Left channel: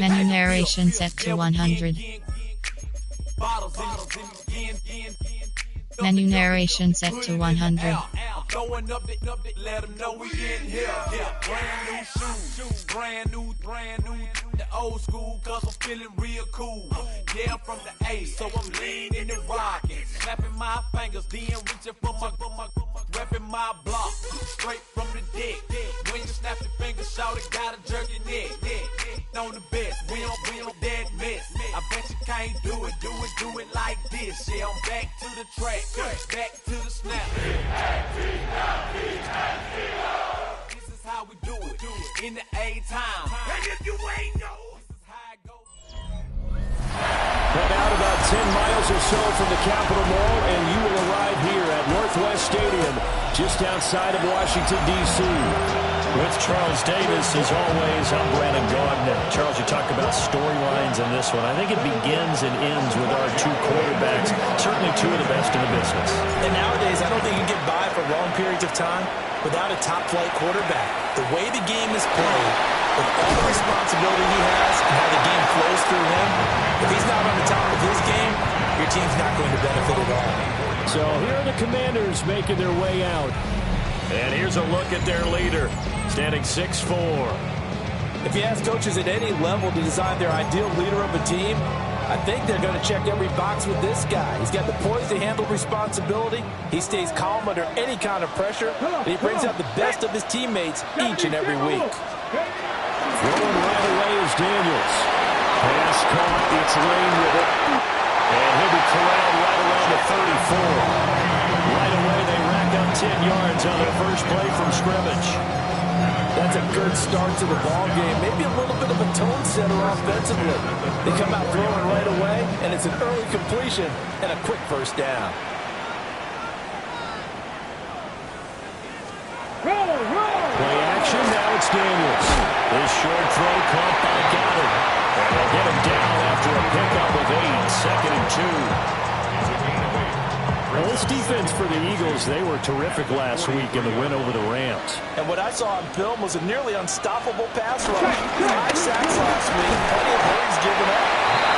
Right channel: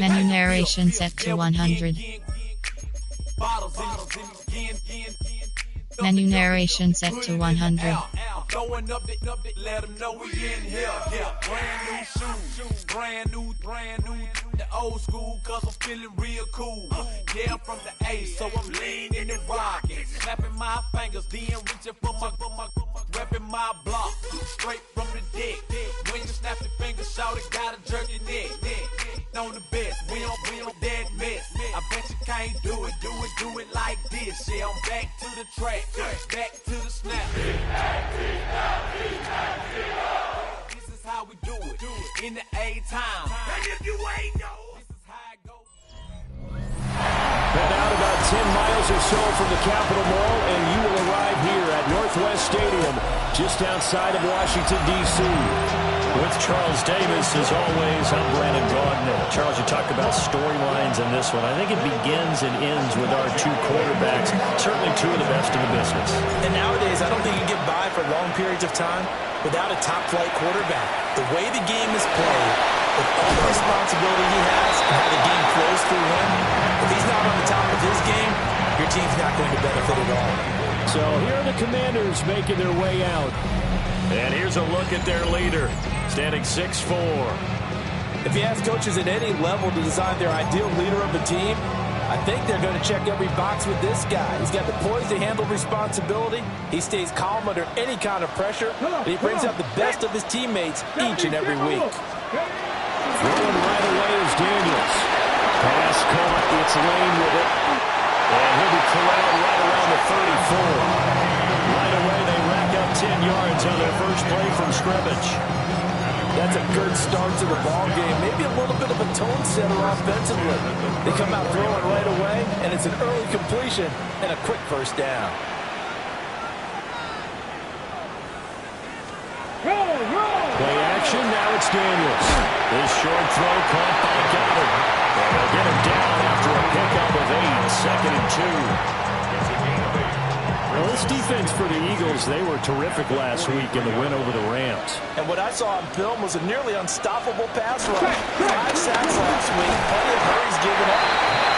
Menu narration set to 100. Menu narration set to 100. Throwing up the, let them know we in here. Yeah, brand new shoes, brand new, the old school, cause I'm feeling real cool. Yeah, I'm from the A, so I'm leaning and rocking, snapping my fingers, then reaching for my, repping my block, straight from the dick. When you snap your fingers, shout it, gotta jerk your neck. On the best, we don't dead miss. I bet you can't do it like this. Yeah, I'm back to the track, back to the snap. This is how we do it in the A-time. And if you ain't know, this is how it goes. Head out about 10 miles or so from the Capitol Mall, and you will arrive here at Northwest Stadium, just outside of Washington, D.C. With Charles Davis, as always, I'm Brandon Gaudin. Charles, you talk about storylines in this one. I think it begins and ends with our two quarterbacks, certainly two of the best in the business. And nowadays, I don't think you can get by for long periods of time without a top-flight quarterback. The way the game is played, with all the responsibility he has and how the game flows through him, if he's not on the top of his game, your team's not going to benefit at all. So here are the Commanders making their way out. And here's a look at their leader, standing 6'4". If you ask coaches at any level to design their ideal leader of a team, I think they're going to check every box with this guy. He's got the poise to handle responsibility. He stays calm under any kind of pressure. And he brings out the best of his teammates each and every week. Throwing right away is Daniels. Pass caught. It's Lane with it. And he'll be corralled right around the 34. Right away, they rack up 10 yards on their first play from scrimmage. That's a good start to the ball game. Maybe a little bit of a tone setter offensively. They come out throwing right away, and it's an early completion and a quick first down. Play action, now it's Daniels. This short throw caught by Goddard. And they'll get him down after a pickup of 8, 2nd and 2. Well, this defense for the Eagles, they were terrific last week in the win over the Rams. And what I saw on film was a nearly unstoppable pass rush. 5 sacks last week, plenty of hurries given up.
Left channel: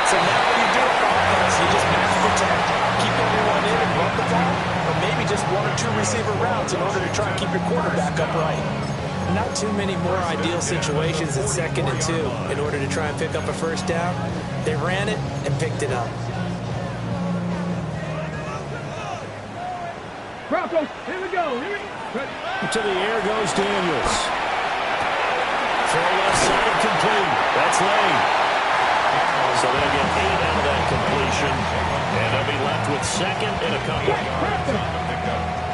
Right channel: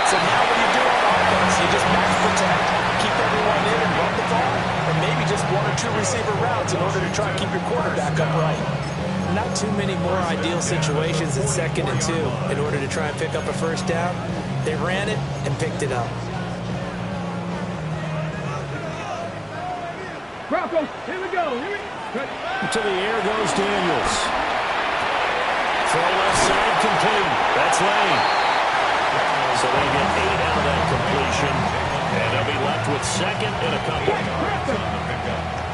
So now what do you do on offense? You just match protect, keep everyone in and run the ball, or maybe just 1 or 2 receiver routes in order to try and keep your quarterback upright. Not too many more ideal situations at 2nd and 2 in order to try and pick up a first down. They ran it and picked it up. Broncos, here we go. Ready. To the air goes Daniels. Throw left side complete. That's Lane. So they'll get 8 out of that completion. And they'll be left with 2nd and a couple.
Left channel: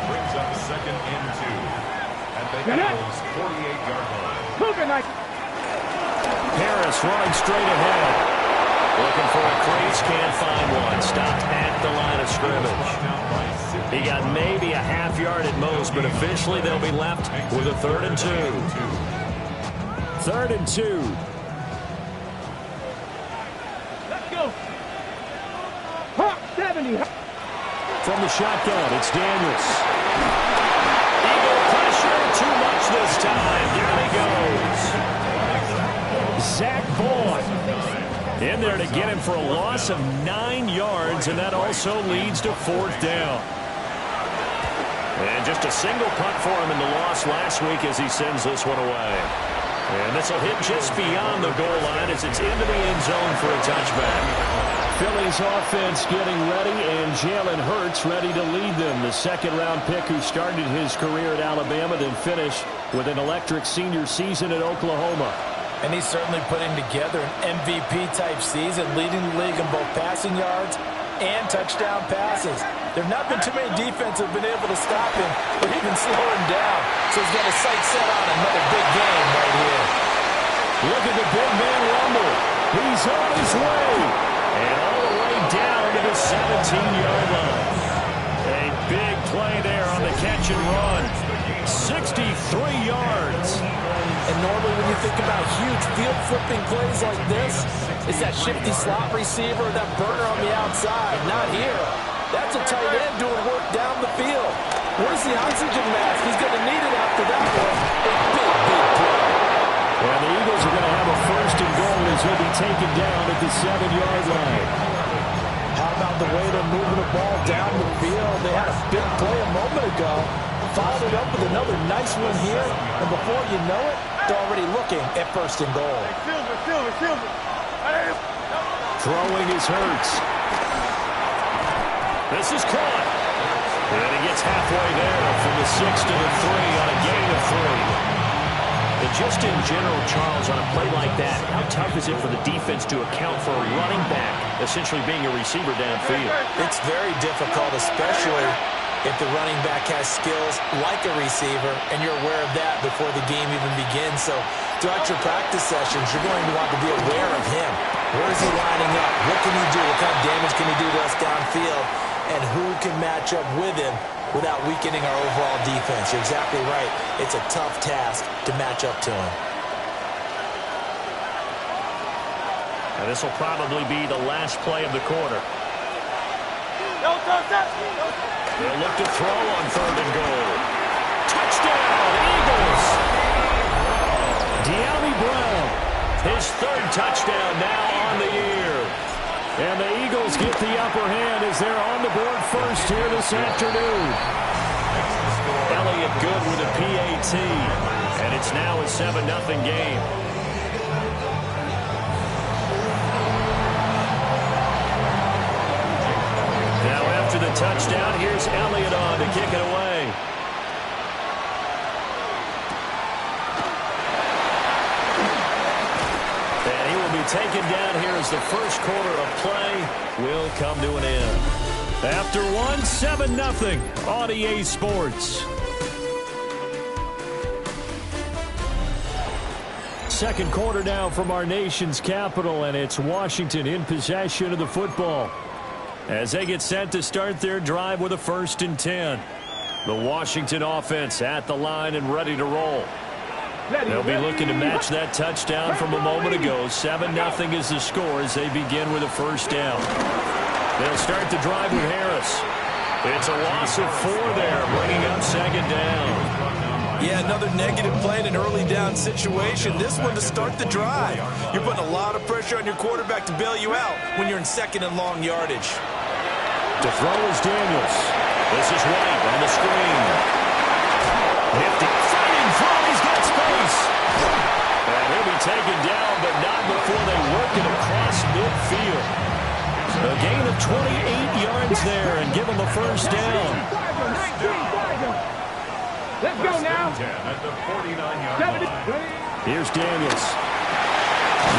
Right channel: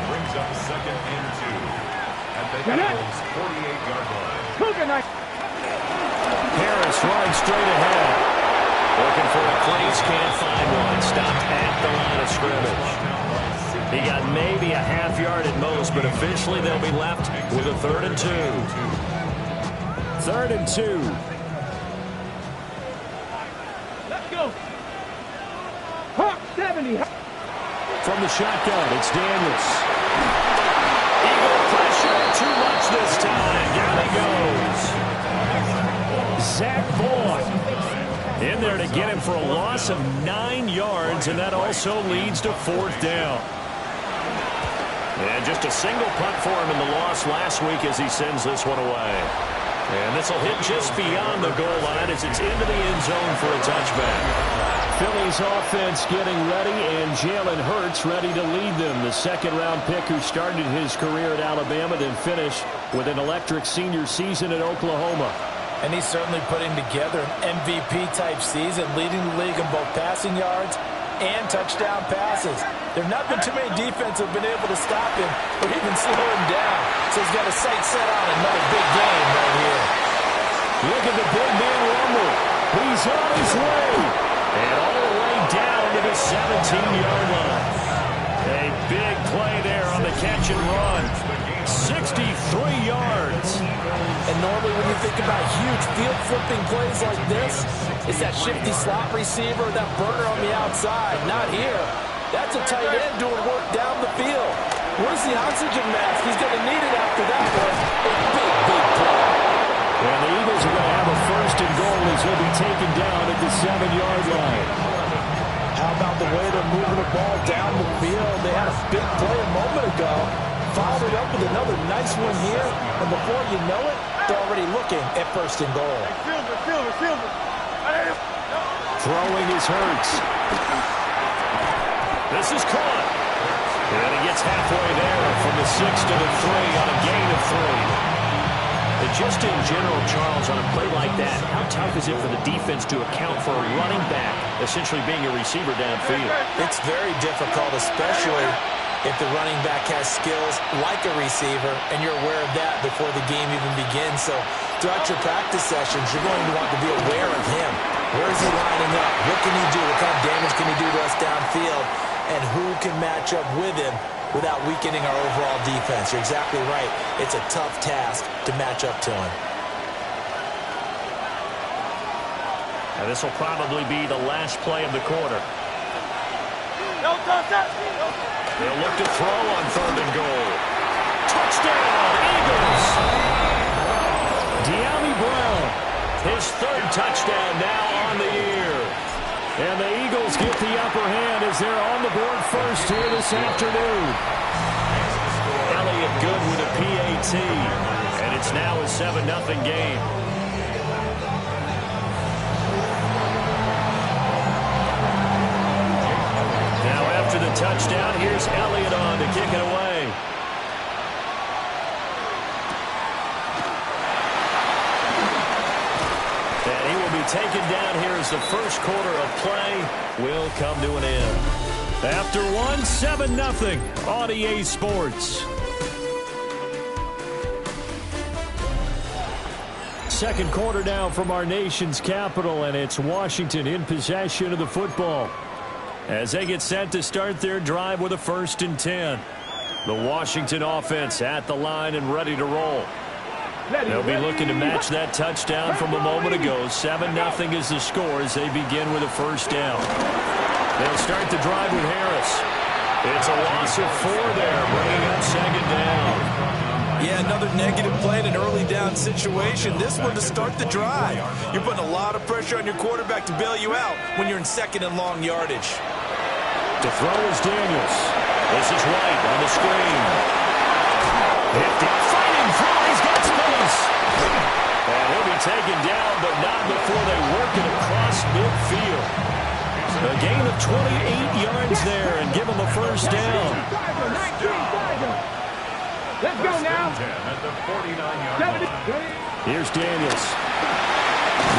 Brings up 2nd and 2 at the Eagles' 48-yard line. Harris running straight ahead. Looking for a crease, can't find one. Stopped at the line of scrimmage. He got maybe a half yard at most, but officially they'll be left with a 3rd and 2. 3rd and 2. Let's go. Hawk 70. From the shotgun, it's Daniels. Eagle pressure, too much this time. Down he goes. Zach Boyd in there to get him for a loss of 9 yards, and that also leads to 4th down. And just a single punt for him in the loss last week as he sends this one away. And this will hit just beyond the goal line as it's into the end zone for a touchback. Philly's offense getting ready, and Jalen Hurts ready to lead them. The 2nd-round pick who started his career at Alabama, then finished with an electric senior season at Oklahoma. And he's certainly putting together an MVP-type season, leading the league in both passing yards and touchdown passes. There have not been too many defenses who have been able to stop him or even slow him down. So he's got his sights set on another big game right here. Look at the big man rumble. He's on his way. And all the way down to the 17-yard line. A big play there on the catch and run. 63 yards. And normally when you think about huge field-flipping plays like this, it's that shifty slot receiver or that burner on the outside. Not here. That's a tight end doing work down the field. Where's the oxygen mask? He's going to need it after that one. A big, big play. And the Eagles are going to have a 1st and goal as as he'll be taken down at the 7-yard line. How about the way they're moving the ball down the field? They had a big play a moment ago. Followed it up with another nice one here. And before you know it, they're already looking at 1st and goal. Silver. Throwing is Hurts. This is caught. And he gets halfway there from the 6 to the 3 on a gain of 3. And just in general, Charles, on a play like that, how tough is it for the defense to account for a running back essentially being a receiver downfield? It's very difficult, especially if the running back has skills like a receiver, and you're aware of that before the game even begins. So throughout your practice sessions, you're going to want to be aware of him. Where is he lining up? What can he do? What kind of damage can he do to us downfield? And who can match up with him without weakening our overall defense? You're exactly right. It's a tough task to match up to him. Now this will probably be the last play of the quarter. They'll look to throw on 3rd and goal. Touchdown, Eagles! De'Ami Brown. His 3rd touchdown now on the year. And the Eagles get the upper hand as they're on the board first here this afternoon. Elliott good with a PAT. And it's now a 7-0 game. Now after the touchdown, here's Elliott on to kick it away. And he will be taken down here as the first quarter of play will come to an end. After 7-0 on EA Sports. Second quarter now from our nation's capital, and it's Washington in possession of the football as they get set to start their drive with a 1st and 10. The Washington offense at the line and ready to roll. They'll be looking to match that touchdown from a moment ago. 7-0 is the score as they begin with a 1st down. They'll start the drive with Harris. It's a loss of 4 there, bringing up 2nd down. Yeah, another negative play in an early down situation. This one to start the drive. You're putting a lot of pressure on your quarterback to bail you out when you're in 2nd and long yardage. To throw is Daniels. This is White on the screen. Nifty. Fighting through. He's got space. And he'll be taken down, but not before they work it across midfield. A gain of 28 yards there and give him a 1st down. Let's go now. At the 49-yard line. Here's Daniels.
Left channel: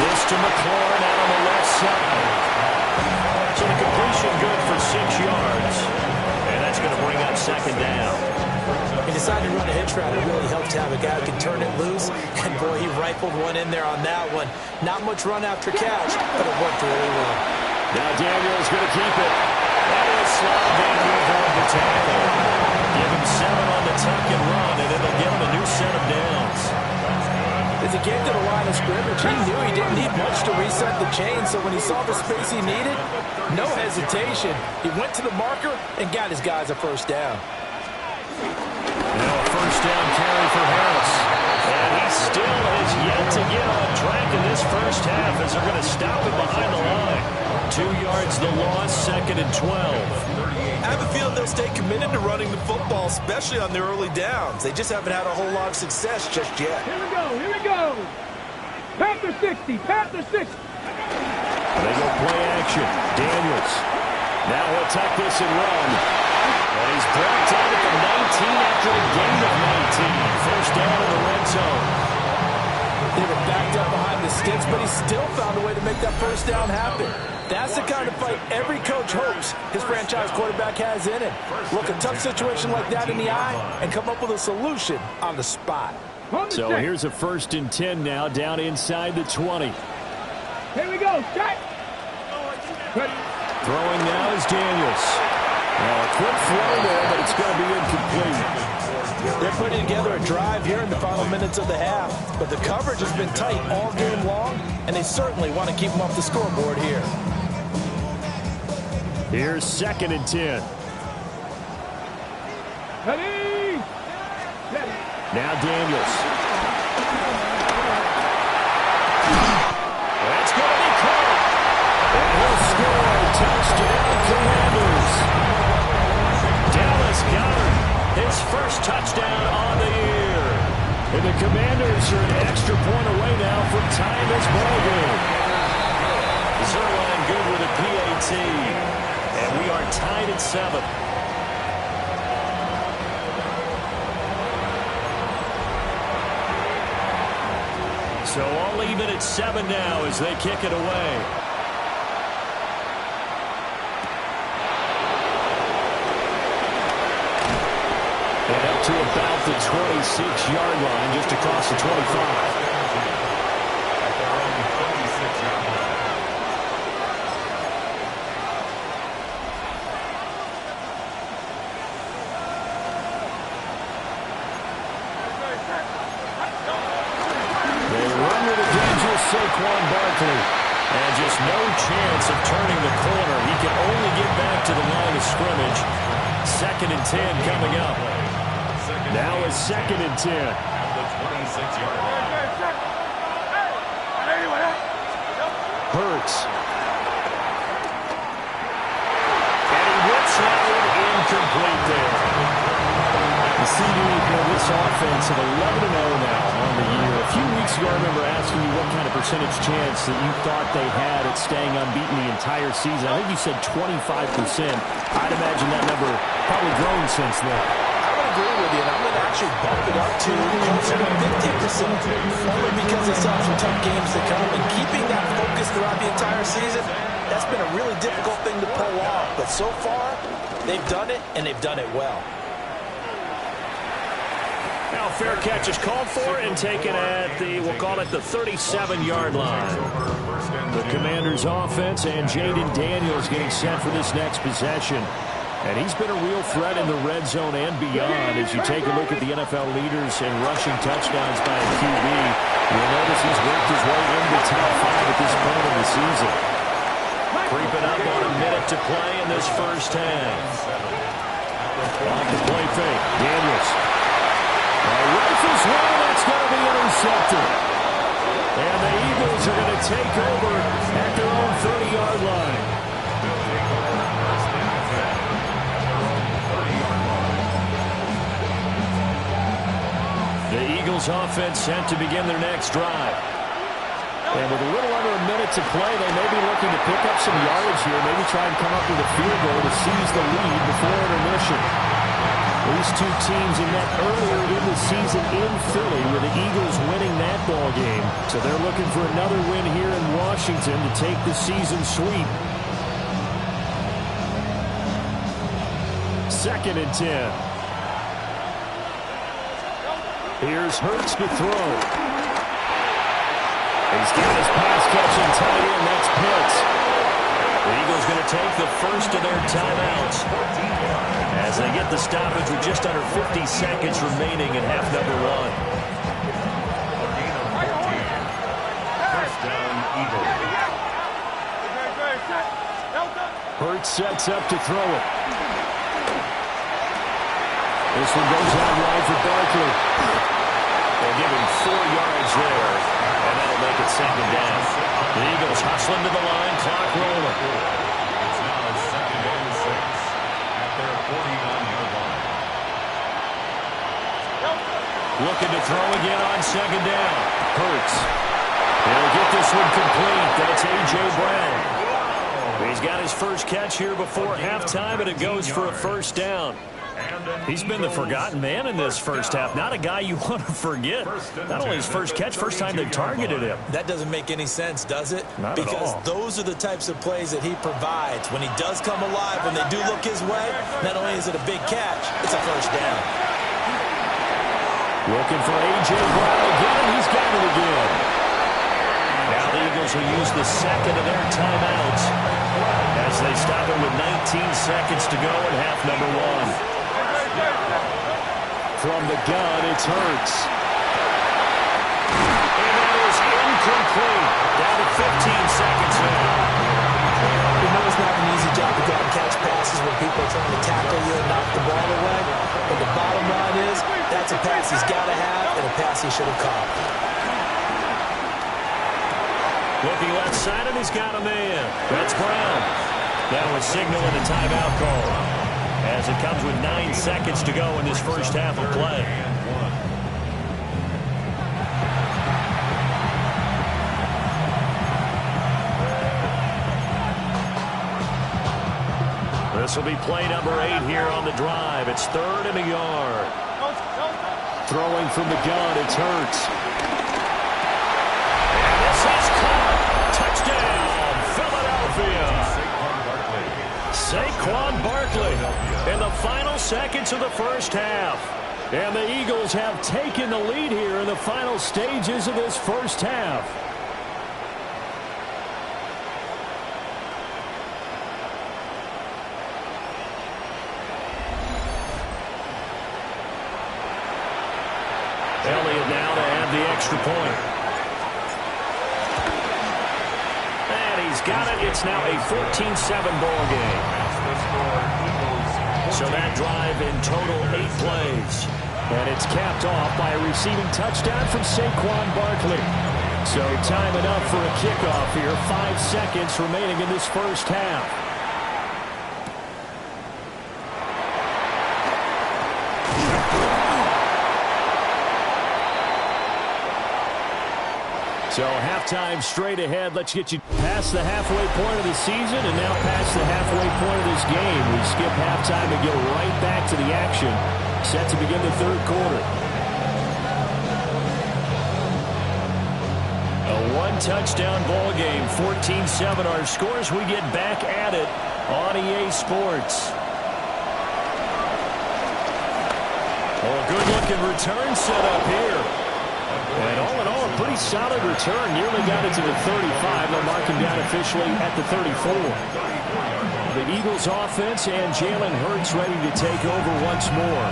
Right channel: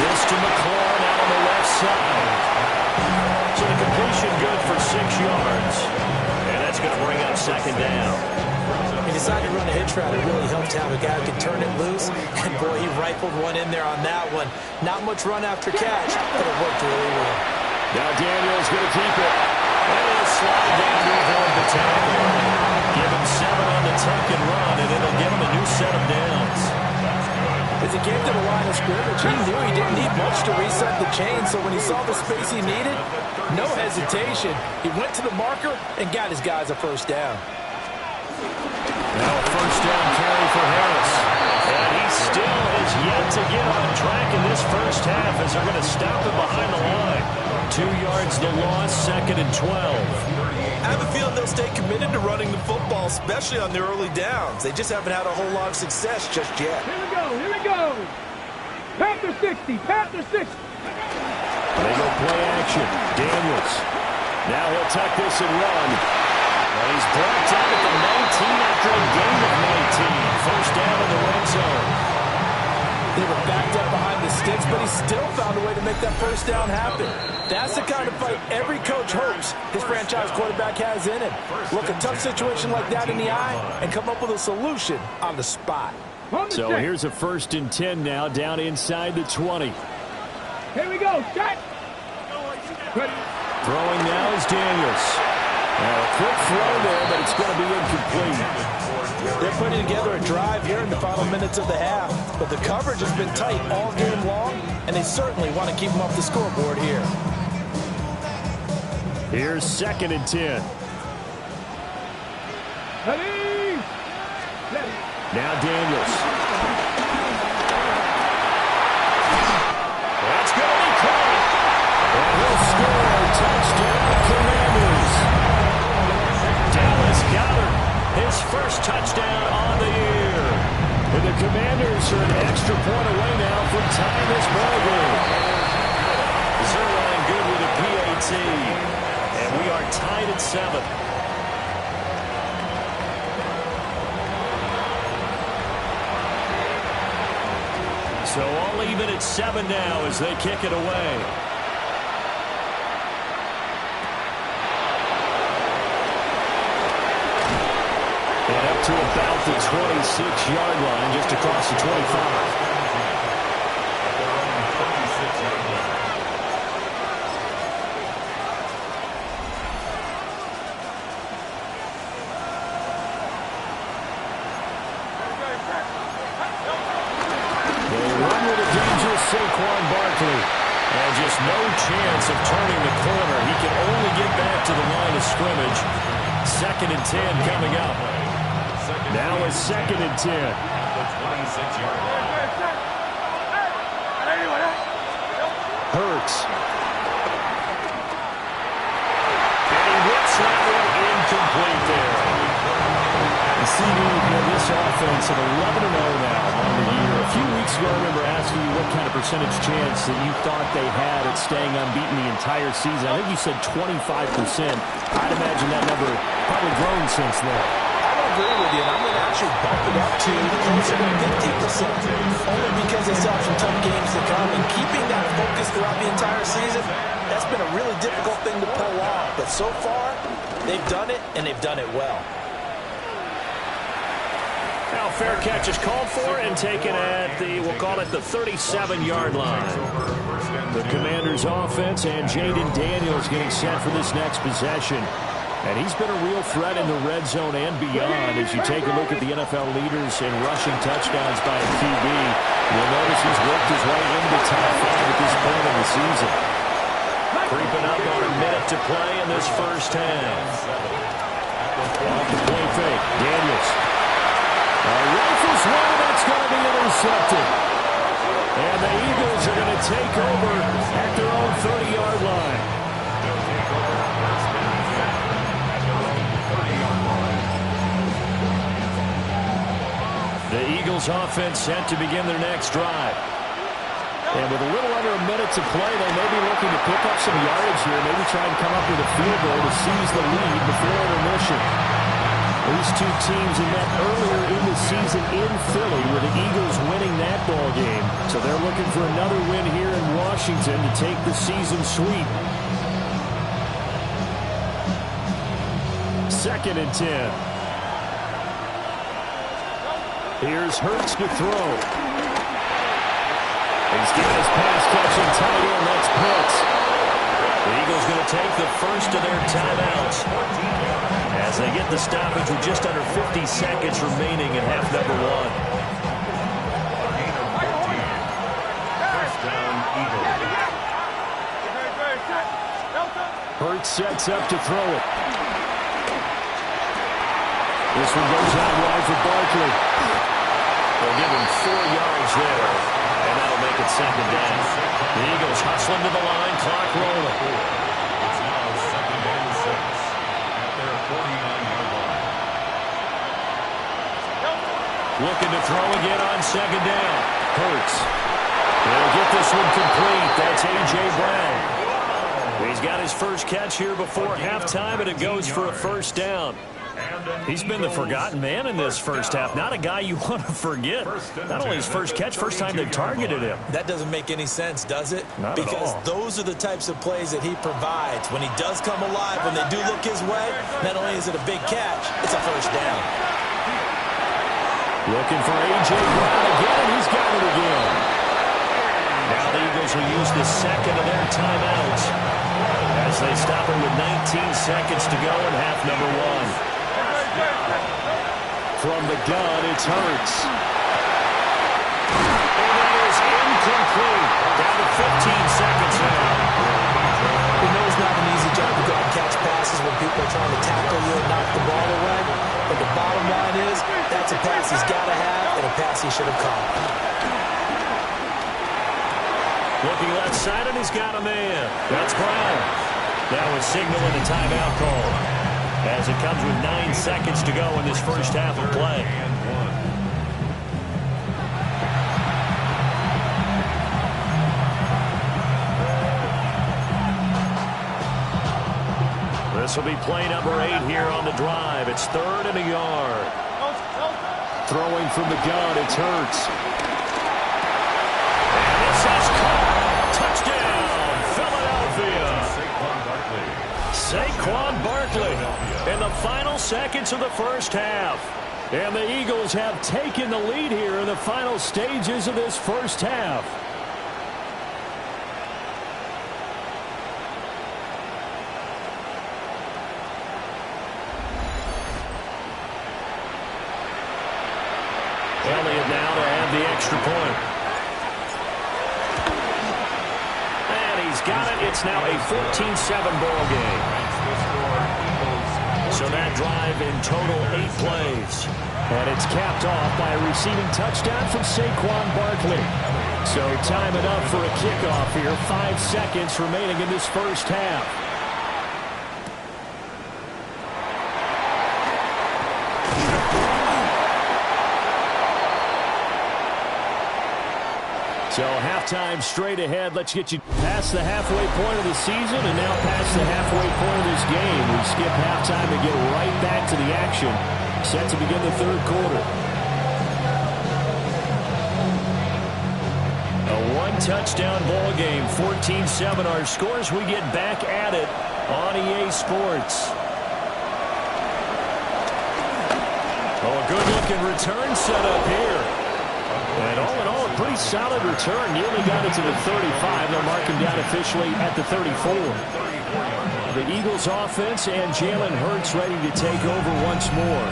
This to McLaurin out on the left side. So the completion good for 6 yards. And that's going to bring up 2nd down. He decided to run a hitch route. It really helped to have a guy who could turn it loose. And, boy, he rifled one in there on that one. Not much run after catch, but it worked really well. Now Daniels going to keep it. And he'll slide down to avoid the tackle. Give him 7 on the tuck and run, and it'll give him a new set of downs. As he came to the line of scrimmage, he knew he didn't need much to reset the chain, so when he saw the space he needed, no hesitation. He went to the marker and got his guys a 1st down. Now a 1st down carry for Harris. And he still is yet to get on track in this 1st half as they're going to stop him behind the line. 2 yards the loss, 2nd and 12. I have a feeling they'll stay committed to running the football, especially on their early downs. They just haven't had a whole lot of success just yet. Here we go. Panther 60, Panther 60. They go play action. Daniels. Now he'll tuck this and run. And he's brought down at the 19 after a gain of 19. 1st down in the red zone. They were backed up behind the sticks, but he still found a way to make that 1st down happen. That's the kind of fight every coach hopes his franchise quarterback has in him. Look a tough situation like that in the eye and come up with a solution on the spot. So here's a 1st and 10 now, down inside the 20. Here we go, shot. Throwing now is Daniels. Now a quick throw there, but it's going to be incomplete. They're putting together a drive here in the final minutes of the half, but the coverage has been tight all game long, and they certainly want to keep them off the scoreboard here. Here's 2nd and 10. Ready. Now Daniels. That's first touchdown on the year. And the Commanders are an extra point away now from tying this ball game. Zuerlein good with a PAT. And we are tied at 7. So all even at 7 now as they kick it away. And up to about the 26-yard line, just across the 25. At their own 26-yard line. They run with a dangerous Saquon Barkley. And just no chance of turning the corner. He can only get back to the line of scrimmage. 2nd and 10 coming up. Now it's 2nd and 10. At the 26-yard line. Hurts. And he whips that one incomplete there. The CD, this offense at 11-0 now on the year. A few weeks ago, I remember asking you what kind of percentage chance that you thought they had at staying unbeaten the entire season. I think you said 25%. I'd imagine that number probably grown since then. I would agree with you, and I'm going to actually bump it up to closer to 50%, only because they still have some tough games to come. And keeping that focus throughout the entire season, that's been a really difficult thing to pull off. But so far, they've done it, and they've done it well. Now fair catch is called for and taken at the, we'll call it the 37-yard line. The Commanders offense and Jaden Daniels getting set for this next possession. And he's been a real threat in the red zone and beyond. As you take a look at the NFL leaders in rushing touchdowns by a QB, you'll notice he's worked his way into the top 5 at this point in the season. Creeping up on a minute to play in this first half. Off the play fake, Daniels. Rifles one, and that's going to be intercepted. And the Eagles are going to take over at their own 30-yard line. They'll take over first and 10 at their own 30-yard line. The Eagles offense set to begin their next drive. And with a little under a minute to play, they may be looking to pick up some yardage here, maybe try and come up with a field goal to seize the lead before intermission. These two teams met earlier in the season in Philly with the Eagles winning that ball game. So they're looking for another win here in Washington to take the season sweep. 2nd and 10. Here's Hurts to throw. He's got his pass-catching tight end. That's Pitts. The Eagles going to take the first of their timeouts as they get the stoppage with just under 50 seconds remaining in half number 1. A gain of 14. First down, Eagles. Hurts sets up to throw it. This one goes out wide for Barkley. They'll give him 4 yards there, and that'll make it 2nd down. The Eagles hustling to the line, clock rolling. It's now 2nd and 6 at their 49-yard line. Looking to throw again on 2nd down. Hurts. He'll get this one complete. That's A.J. Brown. He's got his first catch here before halftime, and it goes for a first down. He's been the forgotten man in this first half. Not a guy you want to forget. Not only his first catch, first time they've targeted him. That doesn't make any sense, does it? Not at all. Because those are the types of plays that he provides. When he does come alive, when they do look his way, not only is it a big catch, it's a first down. Looking for A.J. Brown again, and he's got it again. Now the Eagles will use the second of their timeouts as they stop it with 19 seconds to go in half number 1. From the gun, it's Hurts. And that is incomplete. Down to 15 seconds now. You know it's not an easy job to go out and catch passes when people are trying to tackle you and knock the ball away. But the bottom line is, that's a pass he's got to have and a pass he should have caught. Looking left side, and he's got a man. That's Brown. Now a signal and a timeout call. as it comes with 9 seconds to go in this first half of play. This will be play number 8 here on the drive. It's 3rd and a yard. Throwing from the gun, it's Hurts. And this is caught. Touchdown, Philadelphia. Saquon Barkley in the final seconds of the first half. And the Eagles have taken the lead here in the final stages of this first half. Elliott now to add the extra point. And he's got it. It's now a 14-7 ball game. So that drive in total 8 plays. And it's capped off by a receiving touchdown from Saquon Barkley. So time enough for a kickoff here. 5 seconds remaining in this first half. So halftime straight ahead. Let's get you past the halfway point of the season and now past the halfway point of this game. We skip halftime and get right back to the action. Set to begin the third quarter. A one-touchdown ball game. 14-7 our scores. We get back at it on EA Sports. Oh, a good-looking return set up here. And all in all, a pretty solid return. Nearly got it to the 35. They'll mark him down officially at the 34. The Eagles offense and Jalen Hurts ready to take over once more.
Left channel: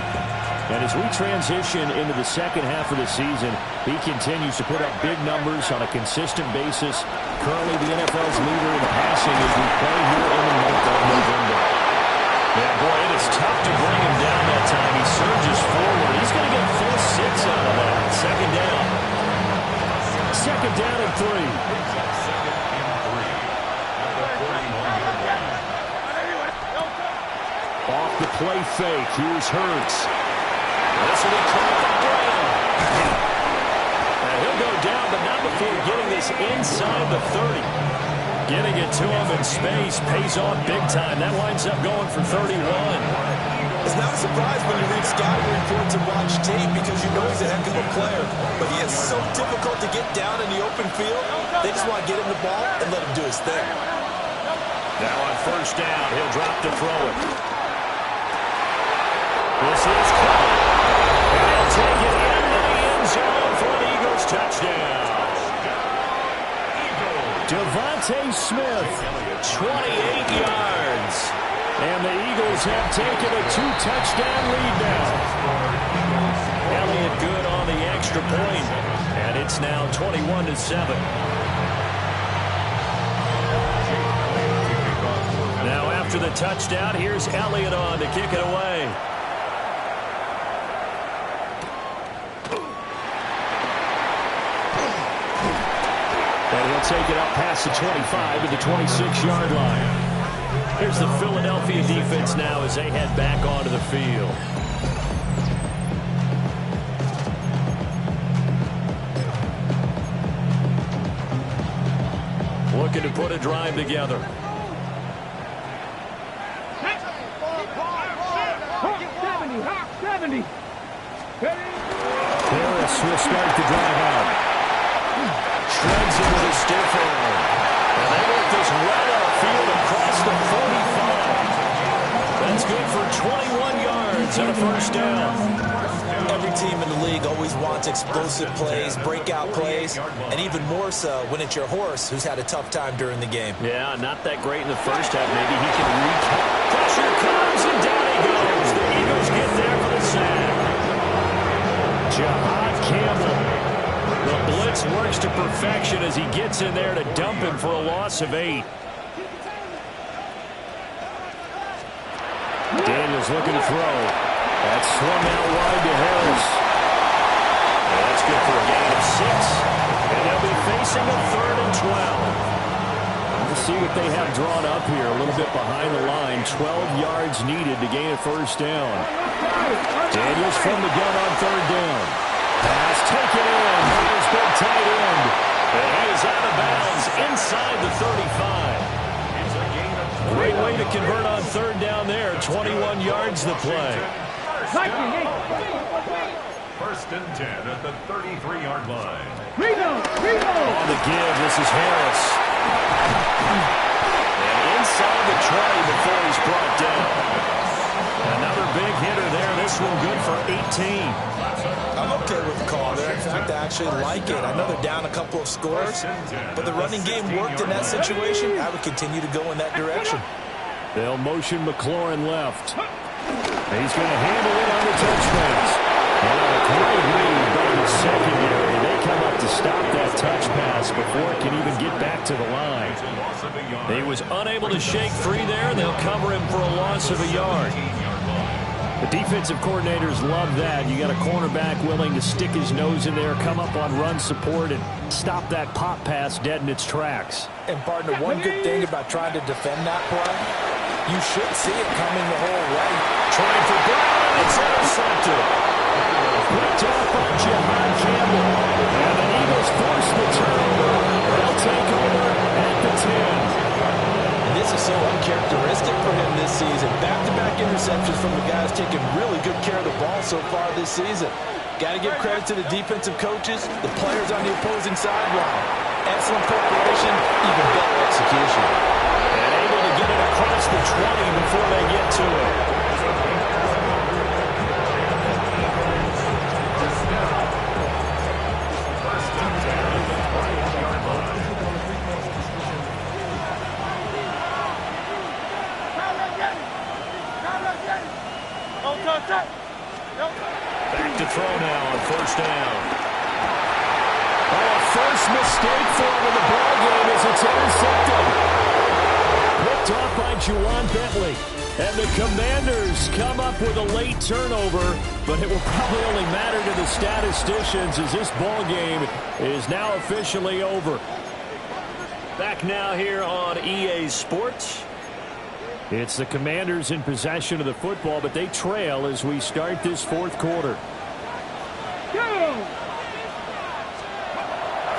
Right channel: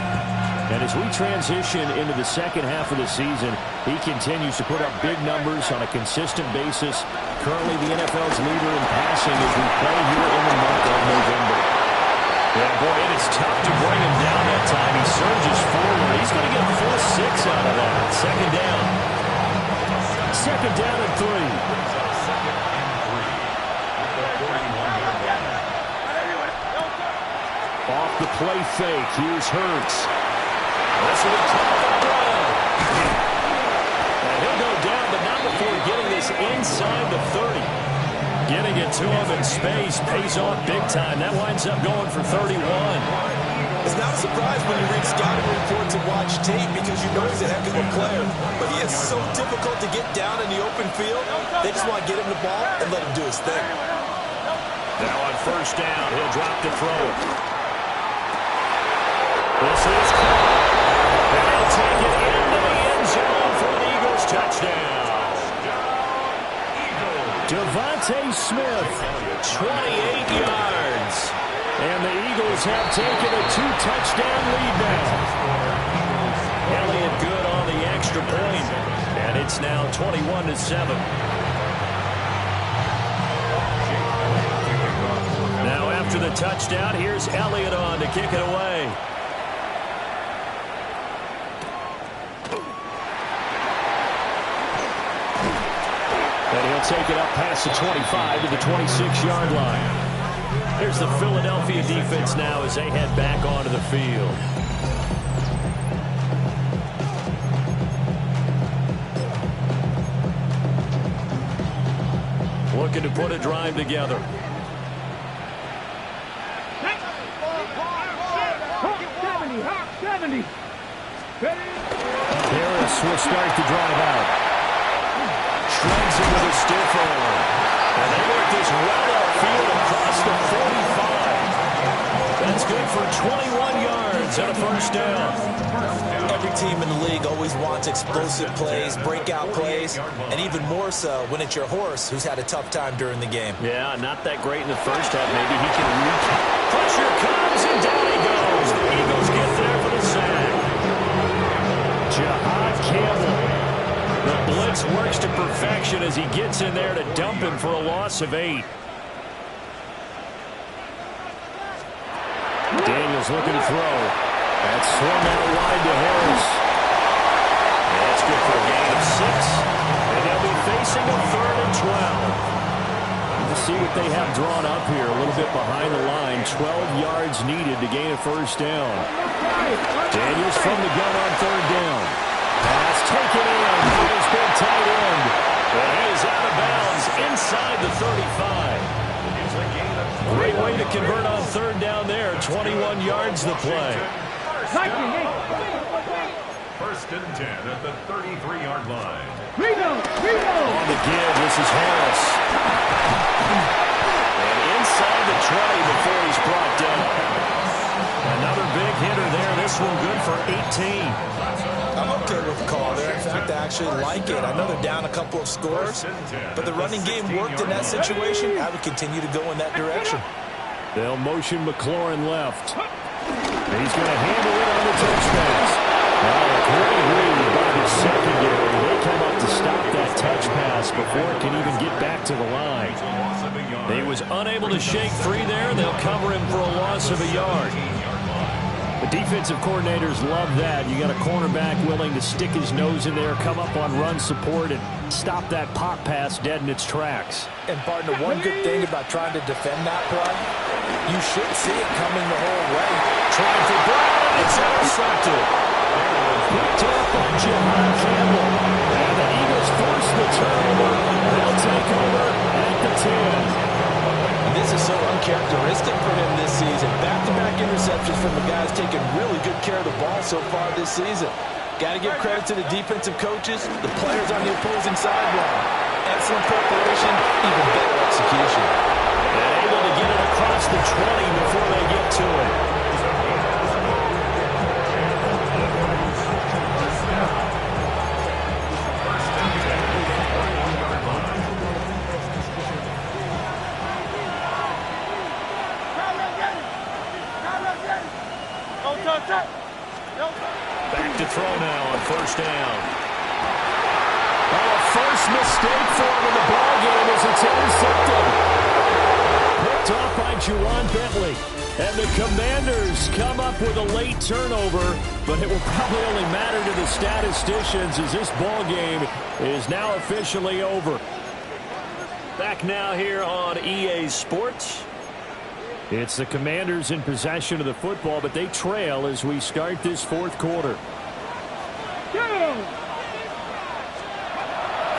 And as we transition into the second half of the season, he continues to put up big numbers on a consistent basis. Currently the NFL's leader in passing as we play here in the month of November. Yeah, boy, it is tough to bring him down that time. He surges forward. He's going to get a full 6 out of that. Second down. Second down and 3. Second and 3 at the 41-yard line. Off the play fake. Here's Hurts. This will be caught by Brown. And he'll go down, but not before getting this inside the 30. Getting it to him in space pays off big time. That winds up going for 31. It's not a surprise when you read scouting reports and watch tape because you know he's a heck of a player. But he is so difficult to get down in the open field. They just want to get him the ball and let him do his thing. Now on first down, he'll drop to throw it. This is caught. And he'll take it into the end zone for an Eagles touchdown. Devontae Smith, 28 yards. And the Eagles have taken a 2-touchdown lead now. Elliott good on the extra point. And it's now 21-7. Now after the touchdown, here's Elliott on to kick it away. And he'll take it up past the 25 to the 26-yard line. Here's the Philadelphia defense now as they head back onto the field. Looking to put a drive together. Hawk 70. Harris will start the drive out. Shreds him with a stiff arm. And they work this right upfield across the 45. That's good for 21 yards and a first down. Every team in the league always wants explosive plays, breakout plays, and even more so when it's your horse who's had a tough time during the game. Yeah, not that great in the first half. Maybe he can pressure comes, and down he goes. The Eagles get there for the sack. Jahad Campbell. The blitz works to perfection as he gets in there to dump him for a loss of 8. Daniels looking to throw. That's swung out wide to Harris. And that's good for a gain of 6. And they'll be facing a 3rd and 12. Let's see what they have drawn up here. A little bit behind the line. 12 yards needed to gain a first down. Daniels from the gun on third down. Pass taken in by his big tight end. And he is out of bounds inside the 35. It's a gain of Great way to convert on third down there. 21 yards the play. First and 10 at the 33-yard line. On the give, this is Harris. And inside the 20 before he's brought down. Another big hitter there. This one good for 18. I'm okay with the call there. In fact, I actually like it. I know they're down a couple of scores, but the running game worked in that situation. I would continue to go in that direction. They'll motion McLaurin left. He's going to handle it on the touch pass. A great read by the secondary. They come up to stop that touch pass before it can even get back to the line. He was unable to shake free there. They'll cover him for a loss of a yard. The defensive coordinators love that. You got a cornerback willing to stick his nose in there, come up on run support, and stop that pop pass dead in its tracks. And, partner, one good thing about trying to defend that play, you should see it coming the whole way. Trying for Brown, and it's intercepted. Picked off by Jahad Campbell. And the Eagles force the turnover. They'll take over at the 10. And this is so uncharacteristic for him this season. Back-to-back interceptions from the guys taking really good care of the ball so far this season. Got to give credit to the defensive coaches, the players on the opposing sideline. Excellent preparation, even better execution. And able to get it across the 20 before they get to it. Back to throw now on first down. Oh, a first mistake for him in the ball game as it's intercepted. Picked off by Juwan Bentley. And the Commanders come up with a late turnover, but it will probably only matter to the statisticians as this ball game is now officially over. Back now here on EA Sports. It's the Commanders in possession of the football, but they trail as we start this fourth quarter.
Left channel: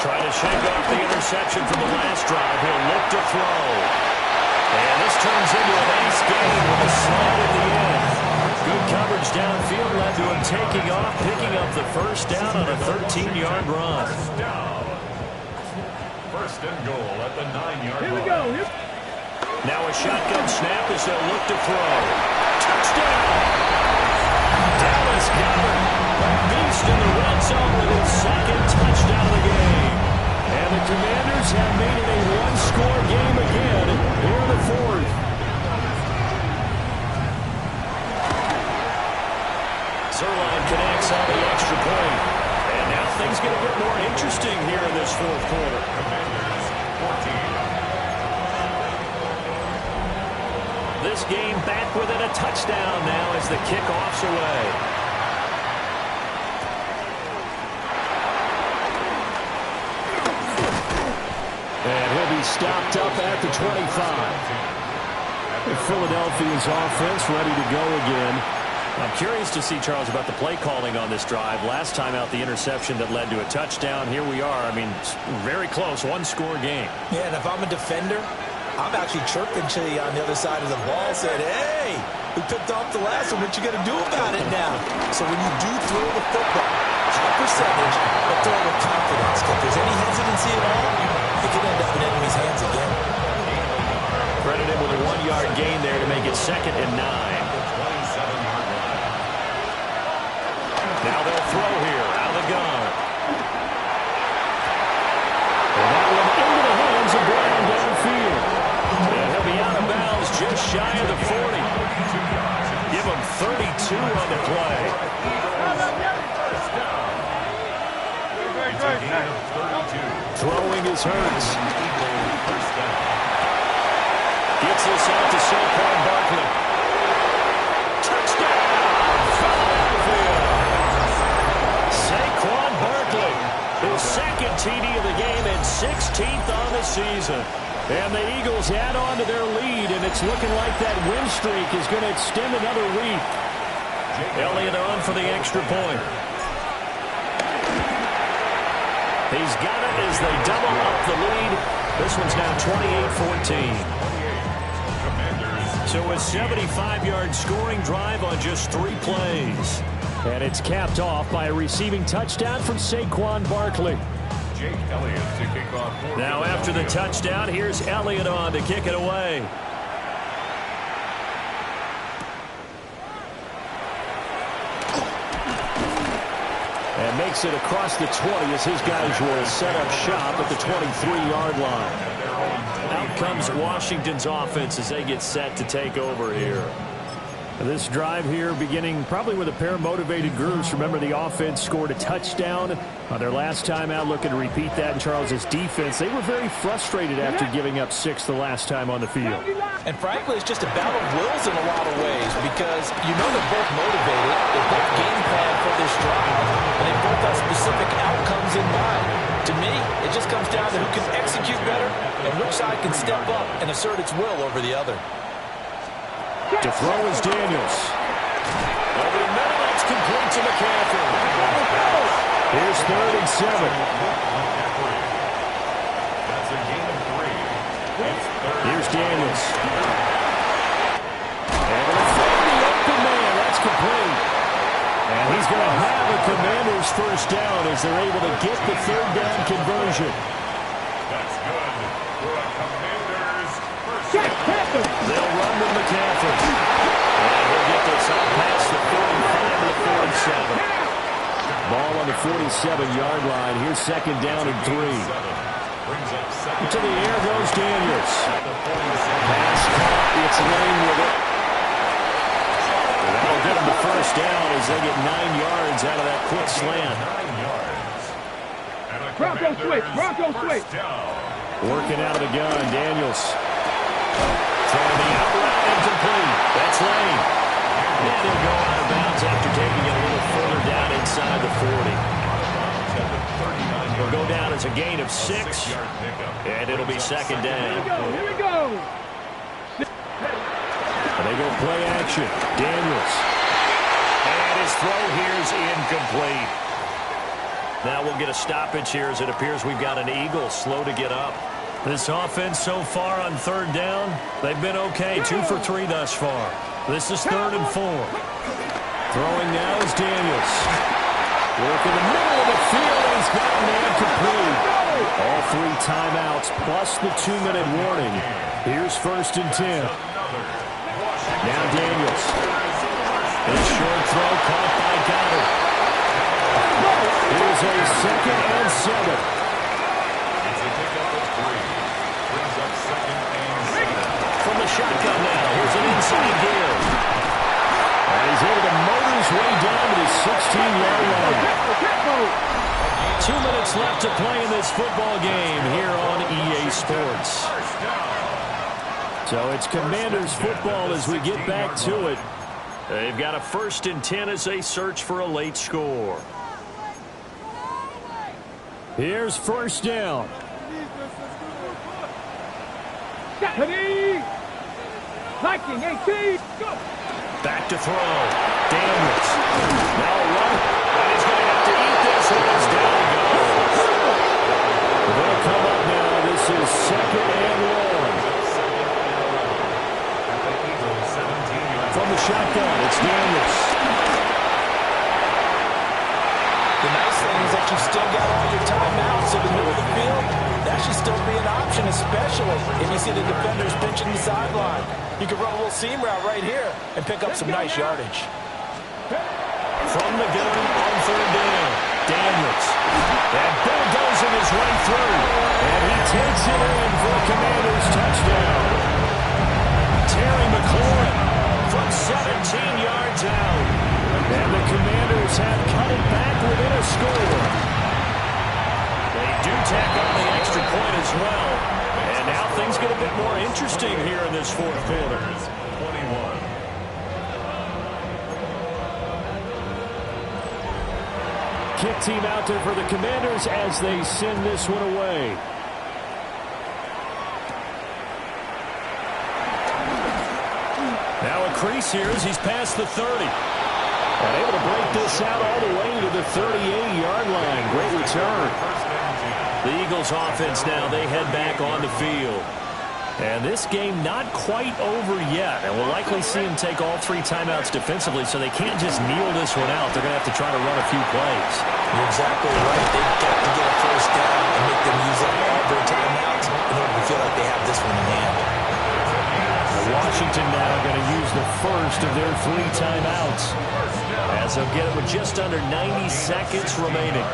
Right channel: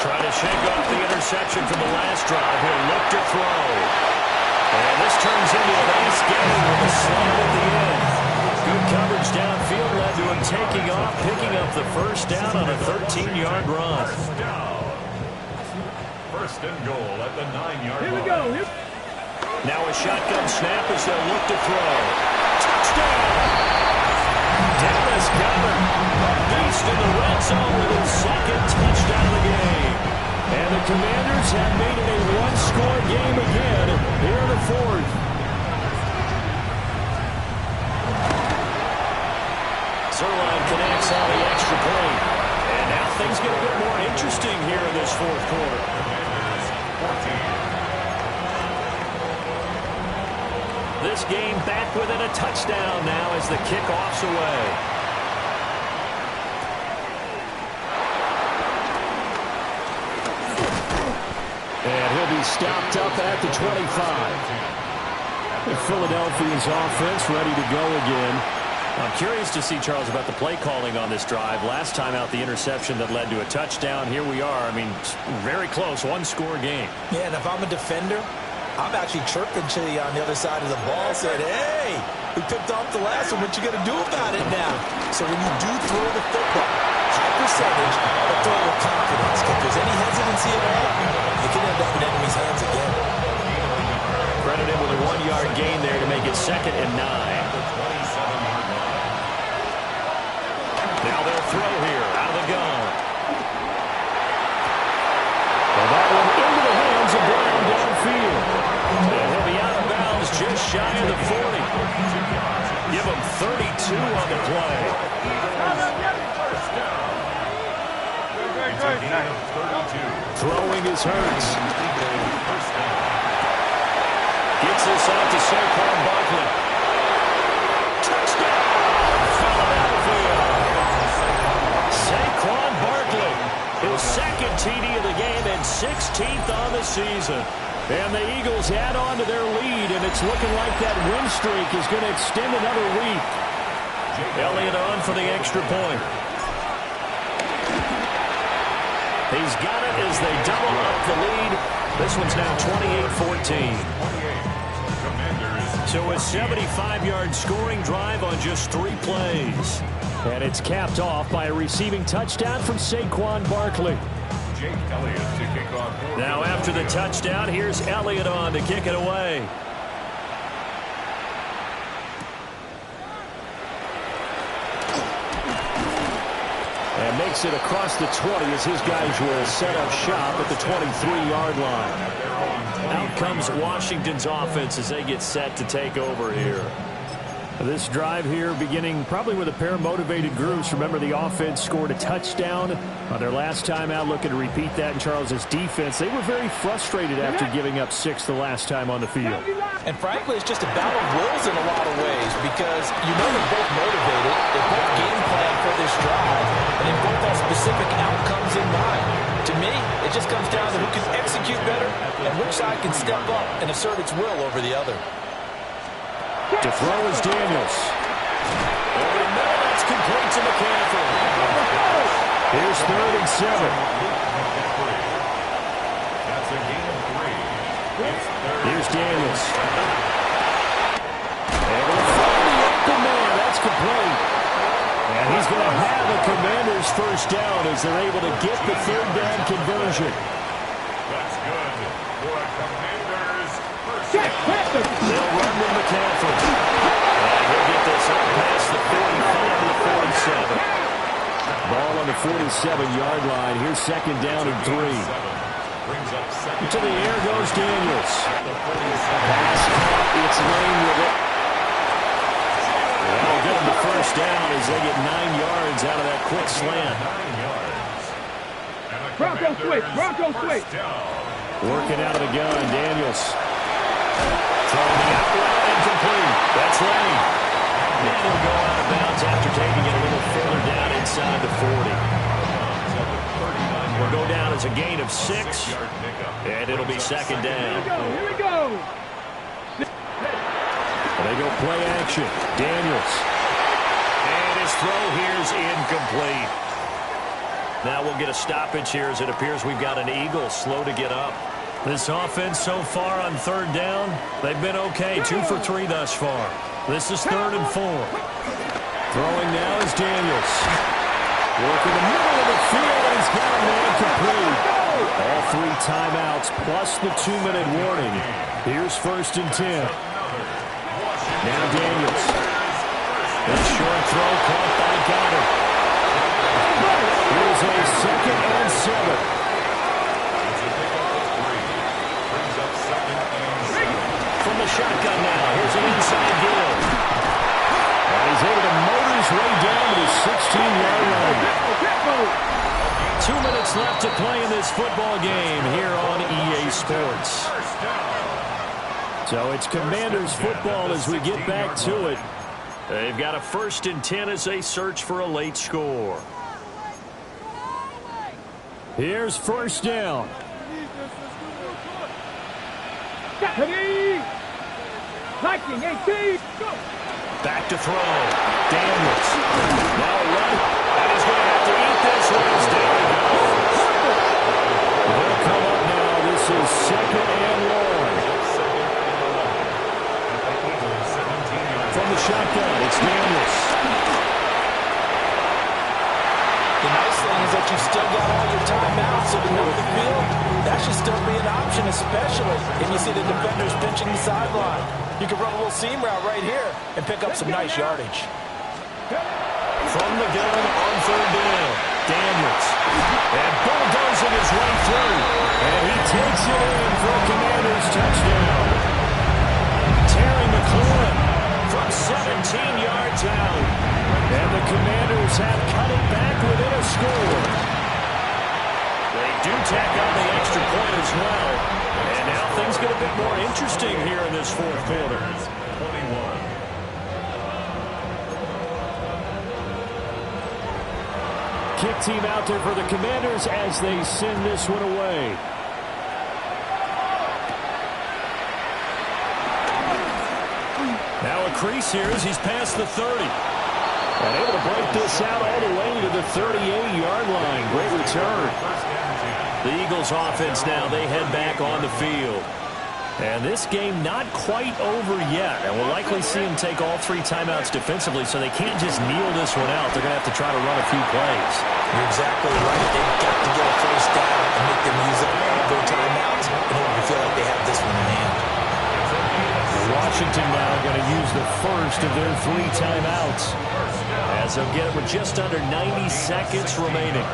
Trying to shake off the interception from the last drive. He'll look to throw. And this turns into a nice game with a slide at the end. Good coverage downfield led to him taking off, picking up the first down on a 13-yard run. First and goal at the 9-yard line. Here we go. Now a shotgun snap as they'll look to throw. Touchdown! Dallas Goedert, a beast in the red zone with his second touchdown of the game. And the Commanders have made it a one-score game again here in the fourth. Zuerlein connects on the extra point. And now things get a bit more interesting here in this fourth quarter. Commanders 14. This game back within a touchdown now as the kickoff's away. And he'll be stopped up at the 25. Philadelphia's offense ready to go again. I'm curious to see, Charles, about the play calling on this drive. Last time out, the interception that led to a touchdown. Here we are. I mean, very close, one-score game. Yeah, and if I'm a defender, I'm actually chirping to you on the other side of the ball, saying, hey, we picked off the last one. What you going to do about it now? So when you do throw the football, high percentage, but throw it with confidence. If there's any hesitancy at all, it could end up in enemy's hands again. Credit him with a 1-yard gain there to make it 2nd and 9. Now they'll throw here out of the gun. And that one into the hands of Brown downfield. And he'll be out of bounds just shy of the 40. Give him 32 on the play. Throwing is Hurts. Gets this out to Saquon Barkley. Touchdown, Philadelphia. Saquon Barkley, his second TD of the game and 16th on the season. And the Eagles add on to their lead, and it's looking like that win streak is going to extend another week. Elliott on for the extra point. He's got it as they double up the lead. This one's now 28-14. So a 75-yard scoring drive on just 3 plays. And it's capped off by a receiving touchdown from Saquon Barkley. Jake Elliott to kick off. Now after the touchdown, here's Elliott on to kick it away. And makes it across the 20 as his guys will set up shop at the 23-yard line. Out comes Washington's offense as they get set to take over here. This drive here beginning probably with a pair of motivated groups. Remember, the offense scored a touchdown on their last time out. Looking to repeat that in Charles's defense. They were very frustrated after giving up 6 the last time on the field. And frankly, it's just a battle of wills in a lot of ways because you know they're both motivated. They both game plan for this drive, and they both have specific outcomes in mind. To me, it just comes down to who can execute better and which side can step up and assert its will over the other. To throw is Daniels. Over the middle, that's complete to McCaffrey. Here's 3rd and 7. That's a gain of 3. It's 3rd. Here's Daniels. Able to find the open man. That's complete. And he's going to have a Commanders first down as they're able to get the 3rd down conversion. That's good for a Commanders first down. They'll run with McCaffrey. And he'll get this up past the 45 to the 47. Ball on the 47-yard line. Here's 2nd down and 3. Brings up 2nd. To the air goes Daniels. Pass caught. It's Lane with it. And that'll get him the first down as they get 9 yards out of that quick slant. 9 yards. And a Bronco switch. Bronco switch. Working out of the gun, Daniels. Throwing the out route incomplete. That's Lane. And he'll go out of bounds after taking it a little further down inside the 40. Will go down as a gain of 6. And it'll be 2nd down. Here we go. They go play action. Daniels. And his throw here's incomplete. Now we'll get a stoppage here as it appears we've got an Eagle slow to get up. This offense so far on 3rd down, they've been okay. 2 for 3 thus far. This is 3rd and 4. Throwing now is Daniels. Working the middle of the field, and he's got a man complete. All 3 timeouts plus the 2-minute warning. Here's 1st and 10. Now Daniels. His short throw caught by Goddard. Here's a 2nd and 7. From the shotgun now. Here's an inside give. And he's able to motor his way down to the 16-yard line. 2 minutes left to play in this football game here on EA Sports. So it's Commanders football as we get back to it. They've got a 1st and 10 as they search for a late score. Here's 1st down. Liking 18. Go. Back to throw. Daniels. Now a run. And he's going to have to eat this one as down he goes. They'll come up now. This is 2nd and long. From the shotgun, it's Daniels. The nice thing is that you've still got all your timeouts, so the middle of the field, that should still be an option, especially if you see the defenders pinching the sideline. You can run a little seam route right here and pick up some nice yardage. From the gun on 3rd down, Daniels. And bulldozing his way through. And he takes it in for a Commanders touchdown. Terry McLaurin from 17 yards out. And the Commanders have cut it back within a score. They do tack on the extra point as well. And now things get a bit more interesting here in this 4th quarter. 21. Kick team out there for the Commanders as they send this one away. Now a crease here as he's past the 30. And able to break this out all the way to the 38-yard line. Great return. The Eagles offense now, they head back on the field. And this game not quite over yet. And we'll likely see them take all 3 timeouts defensively, so they can't just kneel this one out. They're going to have to try to run a few plays. You're exactly right. They've got to get a first down and make them use up all their timeouts in order to feel like they have this one in hand. Washington now going to use the first of their 3 timeouts, as they'll get it with just under 90 seconds remaining.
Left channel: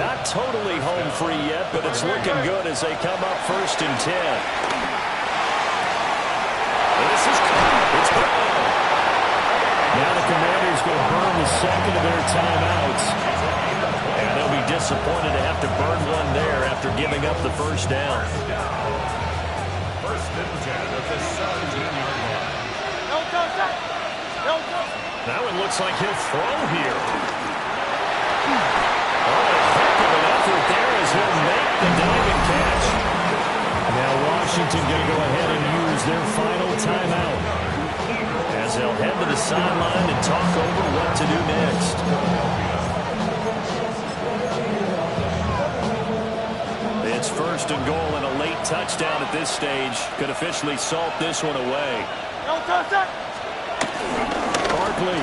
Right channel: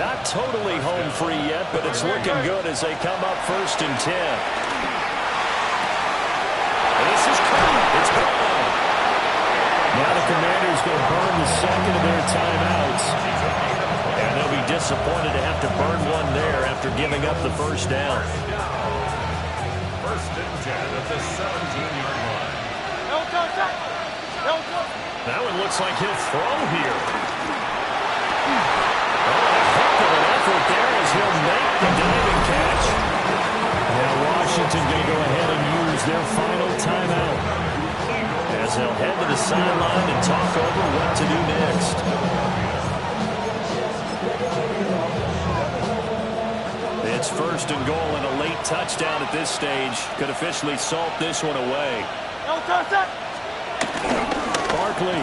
Not totally home free yet, but it's looking good as they come up 1st and 10. This is caught. It's Brown. Now the Commanders going to burn the second of their timeouts, and they'll be disappointed to have to burn one there after giving up the first down. 1st and 10 at the 17-yard line. That one looks like he'll throw here. Oh, a heck of an effort there as he'll make the diving catch. Now Washington going to go ahead and use their final timeout, as they'll head to the sideline and talk over what to do next. It's 1st and goal, and a late touchdown at this stage could officially salt this one away. Barkley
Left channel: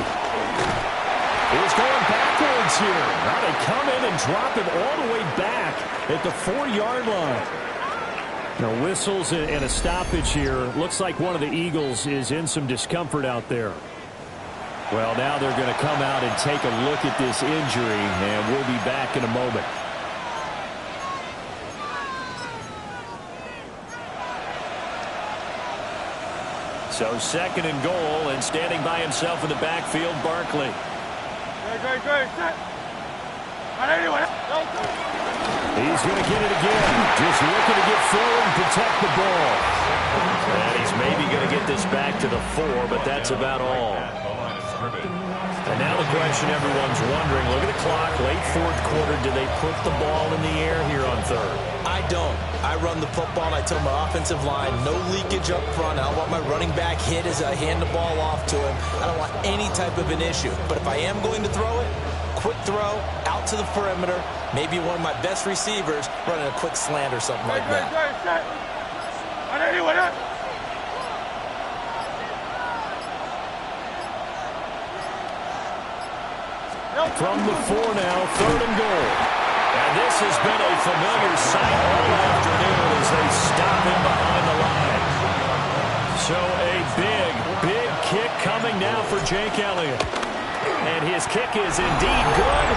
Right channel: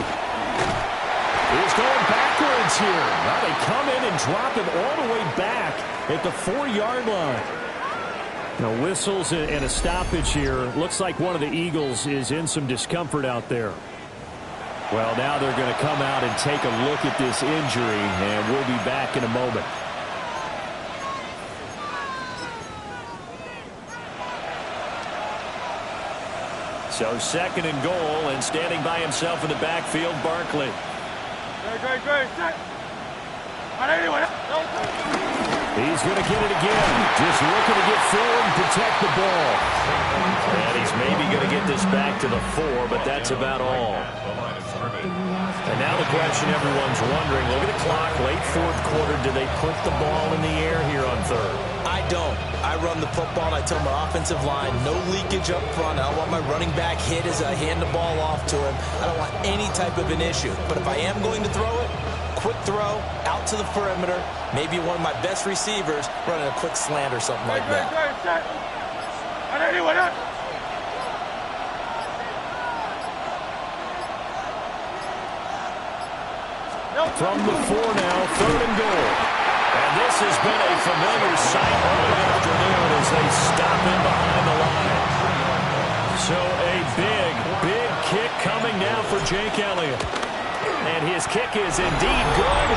is going backwards here. Now they come in and drop him all the way back at the 4-yard line. Now whistles and a stoppage here. Looks like one of the Eagles is in some discomfort out there. Well, now they're going to come out and take a look at this injury, and we'll be back in a moment. So 2nd and goal, and standing by himself in the backfield, Barkley. Great. He's going to get it again. Just looking to get forward and protect the ball. And he's maybe going to get this back to the 4, but that's about all. And now the question everyone's wondering, look at the clock, late 4th quarter, do they put the ball in the air here on 3rd? I don't. I run the football, and I tell my offensive line, no leakage up front. I don't want my running back hit as I hand the ball off to him. I don't want any type of an issue. But if I am going to throw it, quick throw, out to the perimeter, maybe one of my best receivers running a quick slant or something like that. From the 4 now, 3rd and goal. And this has been a familiar sight all afternoon as they stop him behind the line. So a big kick coming now for Jake Elliott. And his kick is indeed good.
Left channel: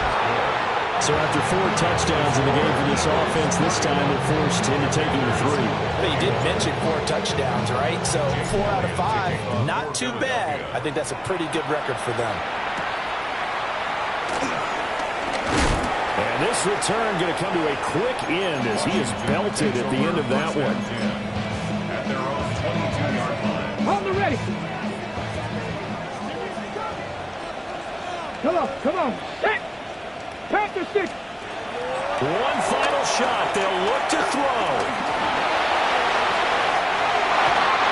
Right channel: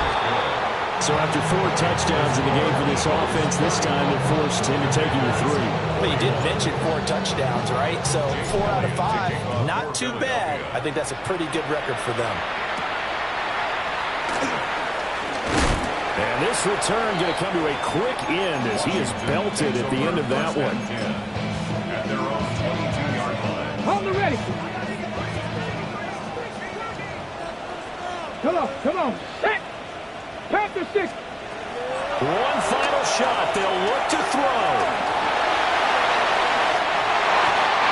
So after 4 touchdowns in the game for this offense, this time they're forced into taking the 3. But you did mention 4 touchdowns, right? So 4 out of 5, not too bad. I think that's a pretty good record for them. And this return going to come to a quick end as he is belted at the end of that one. At their own 22-yard line. Hold it ready. Come on. Set. Panther 6. One final shot. They'll look to throw.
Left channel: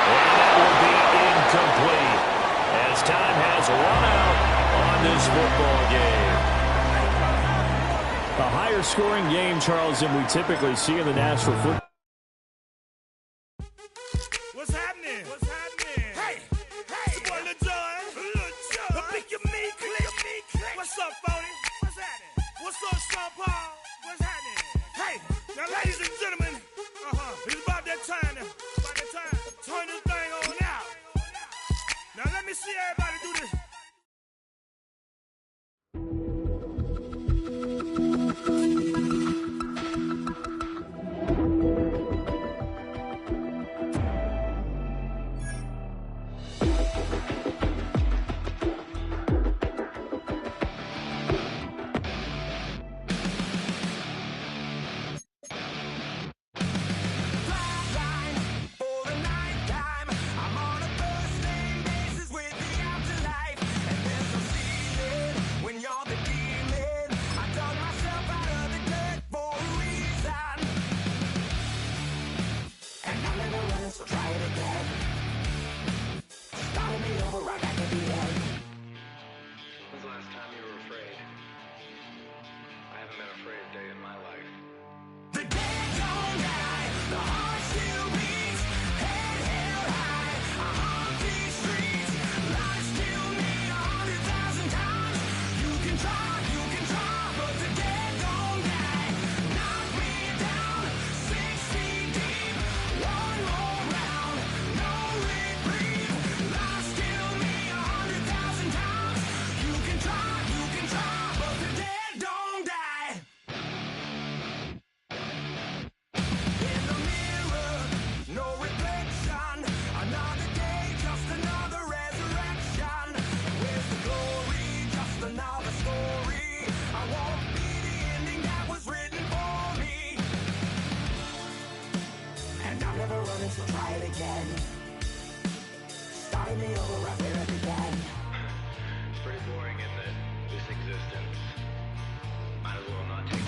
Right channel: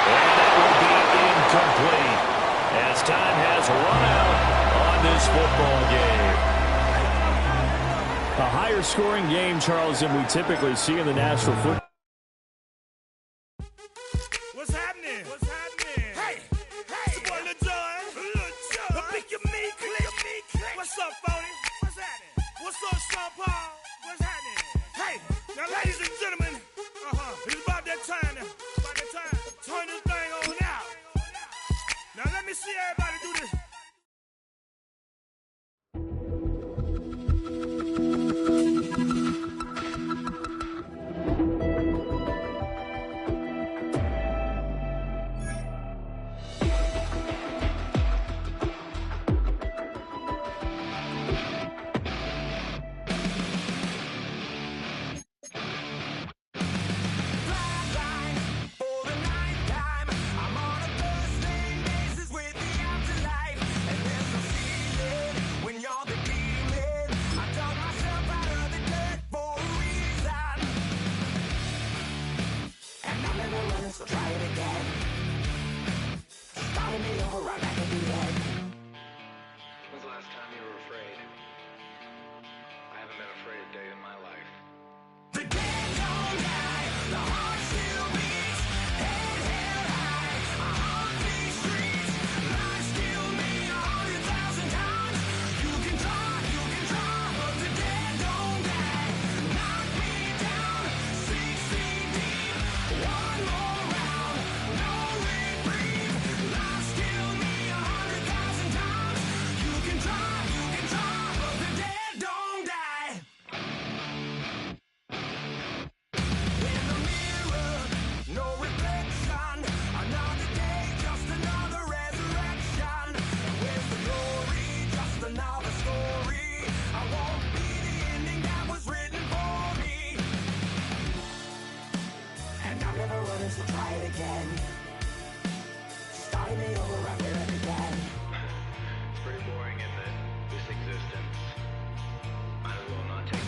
And that will be incomplete as time has run out on this football game. A higher scoring game, Charles, than we typically see in the National Football. What's happening? Hey, it's your boy Lil Jon. Pick your meat, click. What's up, Phony? What's happening? What's up, Sean Paul? What's happening? Hey, now, ladies and gentlemen, it's about that time. Turn this thing on out. Now, let me see everybody do this. Starting me over right back at the end. When's the last time you were afraid? I haven't been afraid a day in my life. The dead don't die, the heart still beats, head held high, I haunt these streets, lies kill me 100,000 times, you can try, but the dead don't die, knock me down, 6 feet deep, one more round, no reprieve, lies kill me 100,000 times, you can try, but the dead don't die. In the mirror, no reflection. Another day, just another resurrection. Where's the glory? Just another story. I won't be the ending that was written for me. And I'm never running, so try it again. Starting me over right where it began. It's pretty boring, isn't it? This existence. Might as well not take